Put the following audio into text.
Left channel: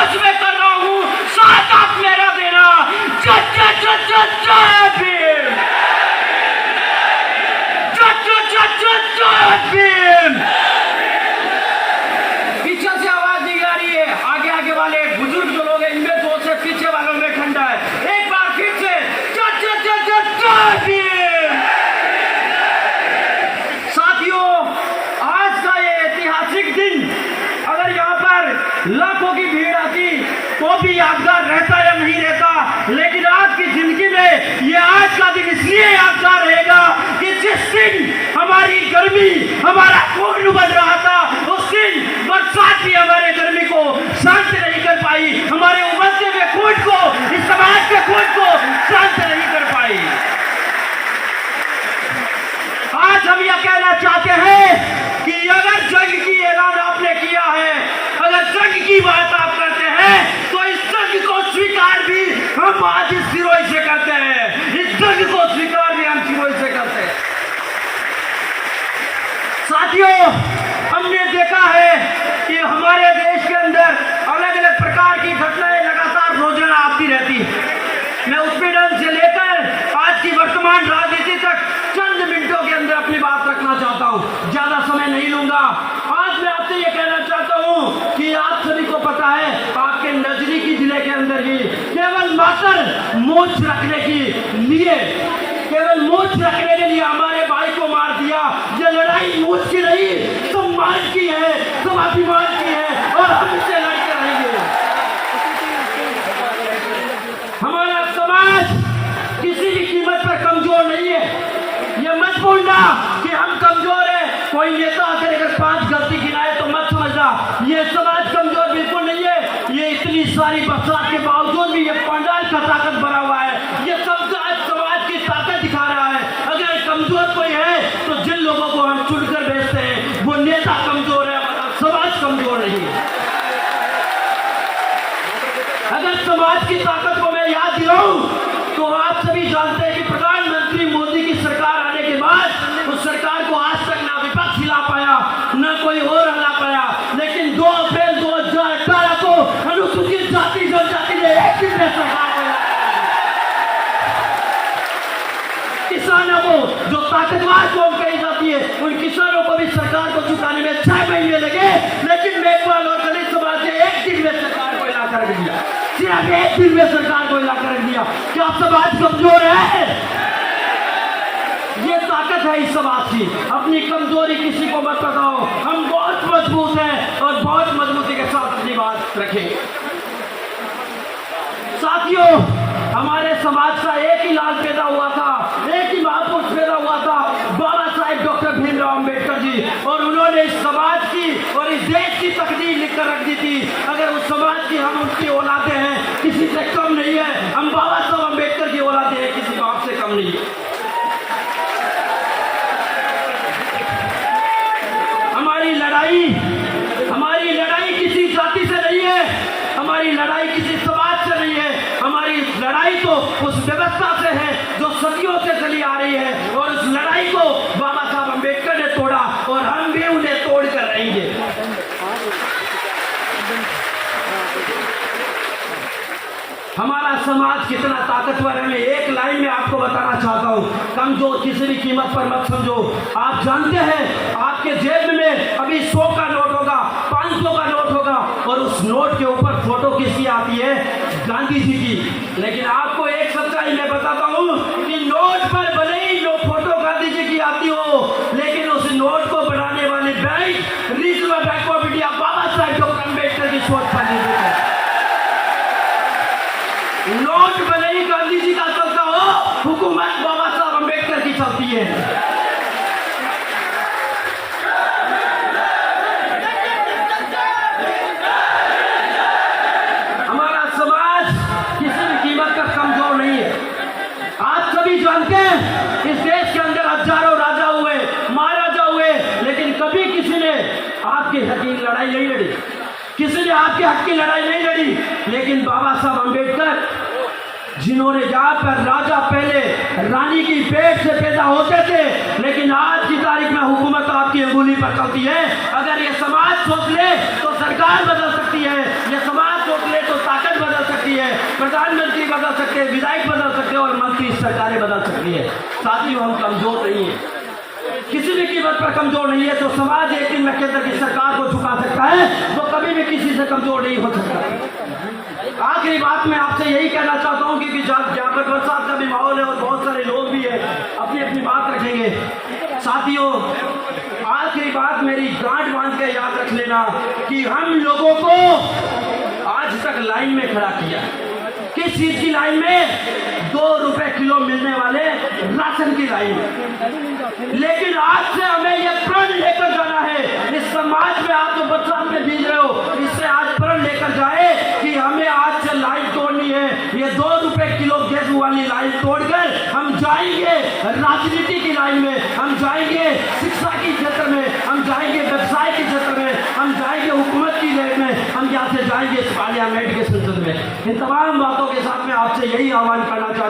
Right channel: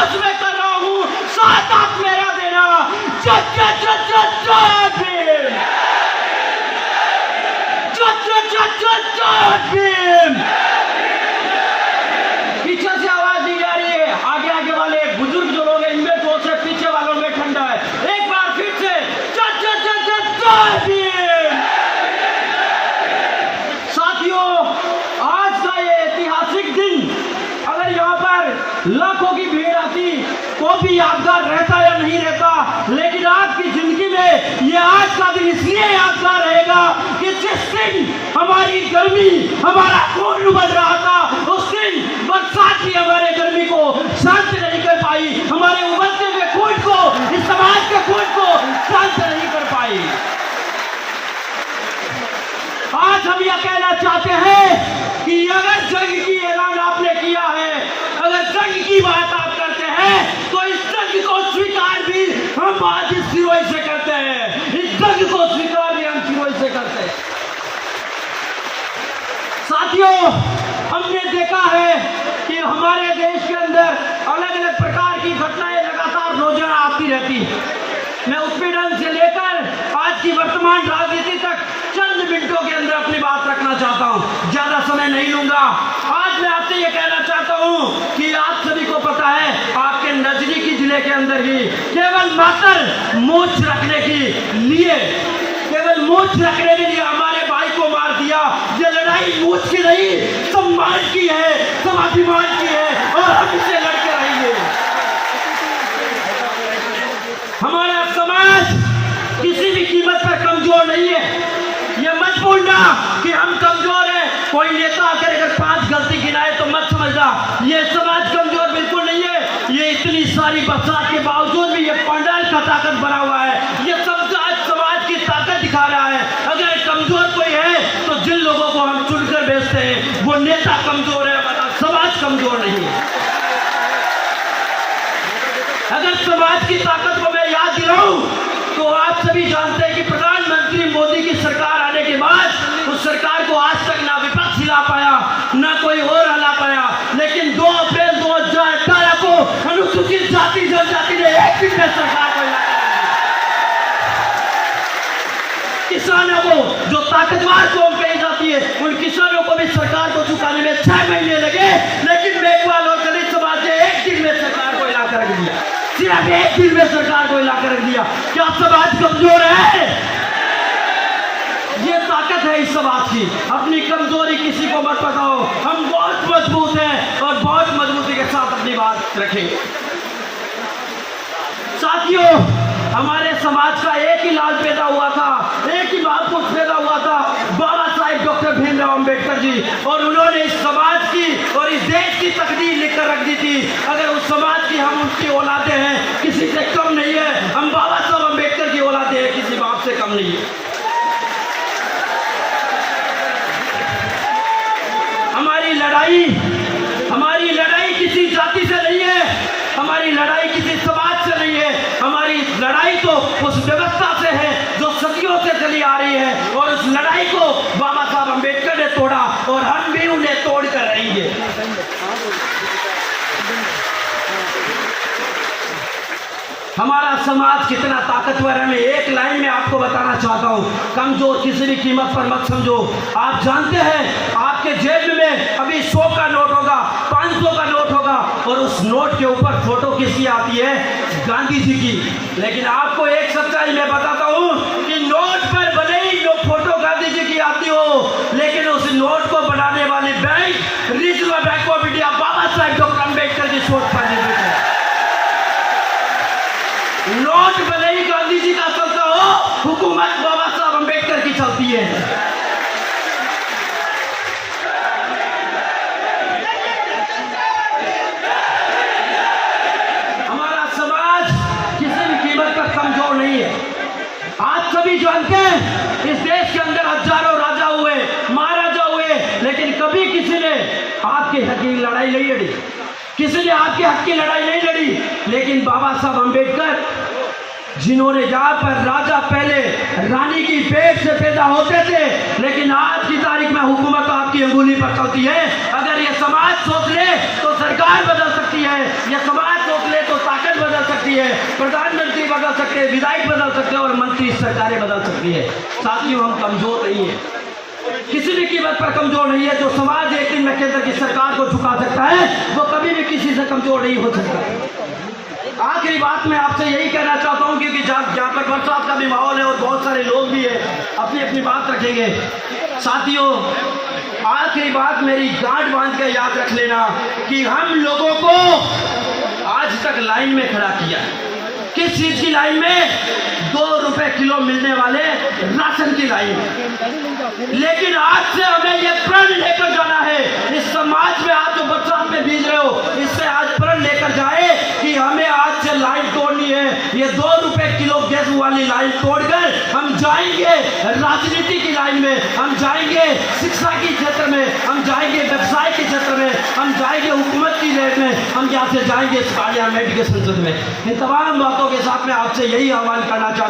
जोश में कर रहा हूँ, साथ आप मेरा देना। जय भीम, जय भीम। पीछे से आवाज नहीं आ रही है, आगे वाले बुजुर्ग जो लोग हैं इनमें जोश है, पीछे वालों में ठंडा है। एक बार फिर से जय भीम। साथियों, आज का ये ऐतिहासिक दिन अगर यहाँ पर लाखों की भीड़ आती तो भी यादगार रहता या नहीं रहता, लेकिन आज की जिंदगी में ये आज का दिन इसलिए यादगार रहेगा कि जिस दिन हमारी गर्मी, हमारा खून उबल रहा था, उस दिन बरसात भी हमारे गर्मी को शांत नहीं कर पाई, हमारे उबलते हुए खून को, इस समाज के खून को शांत नहीं कर पाई। आज हम यह कहना चाहते हैं कि अगर जंग की ऐलान आपने किया है, अगर जंग की बात आप करते हैं, तो इस जंग को स्वीकार भी हम आज इस सिरोई से करते हैं। इस जंग को स्वीकार भी हम सिरोई से करते हैं। साथियों, हमने देखा है कि हमारे देश के अंदर अलग अलग प्रकार की घटनाएं लगातार रोजाना आती रहती है। मैं उत्पीड़न से लेकर आज की वर्तमान राजनीति तक चंद मिनटों के अंदर अपनी बात रखना चाहता हूं, ज्यादा समय नहीं लूंगा। आज मैं आपसे यह कहना चाहता हूं कि आप सभी को पता है, आपके नजदीकी जिले के अंदर ही केवल मात्र मूंछ रखने के लिए, केवल मूंछ रखने के लिए हमारे भाई को मार दिया। ये लड़ाई मूंछ की नहीं, सम्मान की है, स्वाभिमान की है, और हम इसे लड़के रहेंगे। हमारा समाज किसी भी कीमत पर कमजोर नहीं है। ये मत भूलना कि हम कमजोर हैं। कोई नेता आकर अगर 5 गलती गिनाए तो मत समझना ये समाज कमजोर बिल्कुल नहीं है। ये इतनी सारी बरसात के बावजूद भी ये पंडाल का ताकत बना हुआ है। ये सब समाज की ताकत दिखा रहा है। अगर कमजोर कोई है तो जिन लोगों को हम चुनकर भेजते हैं वो नेता कमजोर है, हमारा समाज कमजोर नहीं है। अगर समाज की ताकत को मैं याद दिलाऊं तो आप सभी जानते हैं कि प्रधानमंत्री मोदी की सरकार आने के बाद उस सरकार को आज तक ना विपक्ष हिला पाया, ना कोई और हिला पाया, लेकिन 2 अप्रैल 2018 को अनुसूचित जाति जनजाति ने एक दिन में सरकार को हिलाया। किसानों को जो ताकतवर कौम कही जाती है, उन किसानों को भी सरकार को झुकाने में 6 महीने लगे, लेकिन मेघवाल और दलित समाज ने एक दिन में सरकार को हिला कर रख दिया। सिर्फ एक दिन में सरकार को हिला कर रख दिया। क्या समाज कमजोर है? ये ताकत है इस समाज की। अपनी कमजोरी किसी को मत बताओ। हम बहुत मजबूत हैं और बहुत मजबूती के साथ अपनी बात रखेंगे। साथियों, हमारे समाज का एक ही लाल पैदा हुआ था, एक ही महापुरुष पैदा हुआ था, बाबा साहेब डॉक्टर भीमराव अंबेडकर जी, और उन्होंने इस समाज की और इस देश की तकदीर लिखकर रख दी थी। अगर उस समाज की हम उनकी औलादे हैं, किसी से कम नहीं है। हम बाबा साहब अंबेडकर की औलादे हैं, किसी बाप से कम नहीं है। हमारी लड़ाई किसी जाति से नहीं है, हमारी लड़ाई किसी समाज से नहीं है। हमारी लड़ाई तो उस व्यवस्था से है जो सदियों से चली आ रही है, और उस लड़ाई को बाबा साहब अंबेडकर ने तोड़ा और हम भी उन्हें तोड़ कर रहेंगे। हमारा समाज कितना ताकतवर है, मैं एक लाइन में आपको बताना चाहता हूँ। कमजोर किसी भी कीमत पर मत समझो। आप जानते हैं आपके जेब में अभी 100 का नोट होगा, 500 का नोट होगा, और उस नोट के ऊपर फोटो किसकी आती है? गांधी जी की। लेकिन आपको एक सच्चाई मैं बताता हूँ कि नोट पर भले ही फोटो गांधी जी की आती हो, लेकिन उस नोट को बनाने वाले bank Reserve Bank of India Baba Saheb doctor Ambedkar की सोच का निर्मित है। नोट भले ही गांधी जी का चलता हो, हुकूमत बाबा साहब अंबेडकर की चलती है। हमारा समाज किसी भी कीमत पर कमजोर नहीं है। आप सभी जानते हैं इस देश के अंदर हजारों राजा हुए, महाराजा हुए, लेकिन कभी किसी ने आपके हक की लड़ाई नहीं लड़ी, किसी ने आपके हक की लड़ाई नहीं लड़ी। लेकिन बाबा साहब अंबेडकर, जिन्होंने जहां पर राजा पहले रानी की पेट से पैदा होते थे, लेकिन आज की तारीख में हुकूमत आपकी अंगुली पर चलती है। अगर ये समाज सोच ले तो सरकार बदल सकती है, ये समाज सोच ले प्रधानमंत्री बदल सकते हैं, विधायक बदल सकते हैं और मंत्री सरकारें बदल सकती है। साथियों, हम कमजोर नहीं है, किसी भी कीमत पर कमजोर नहीं है। जो समाज एक दिन में केंद्र की सरकार को झुका सकता है, वो कभी भी किसी से कमजोर नहीं हो सकता। आखिरी बात मैं आपसे यही कहना चाहता हूँ, क्योंकि जहाँ पर बरसात का भी माहौल है और बहुत सारे लोग भी है, अपनी अपनी बात रखेंगे। साथियों, आखिरी बात मेरी गांठ बांध के याद रख लेना कि हम लोगों को आज तक लाइन में खड़ा किया। किस चीज की लाइन में? 2 रुपए किलो मिलने वाले राशन की लाइन में। लेकिन आज से हमें यह प्रण लेकर जाना है, इस समाज में आप जो बरसात में भीज रहे हो, इससे आज प्रण लेकर जाए कि हमें आज से लाइन तोड़नी है। ये 2 रुपए किलो गैस वाली लाइन तोड़कर हम जाएंगे राजनीति की लाइन में, हम जाएंगे शिक्षा के क्षेत्र में, हम जाएंगे व्यवसाय के क्षेत्र में, हम जाएंगे हुकूमत की रेट में, हम यहाँ से जाएंगे पार्लियामेंट के संसद में। इन तमाम बातों के साथ में आपसे यही आह्वान करना चाहता हूँ।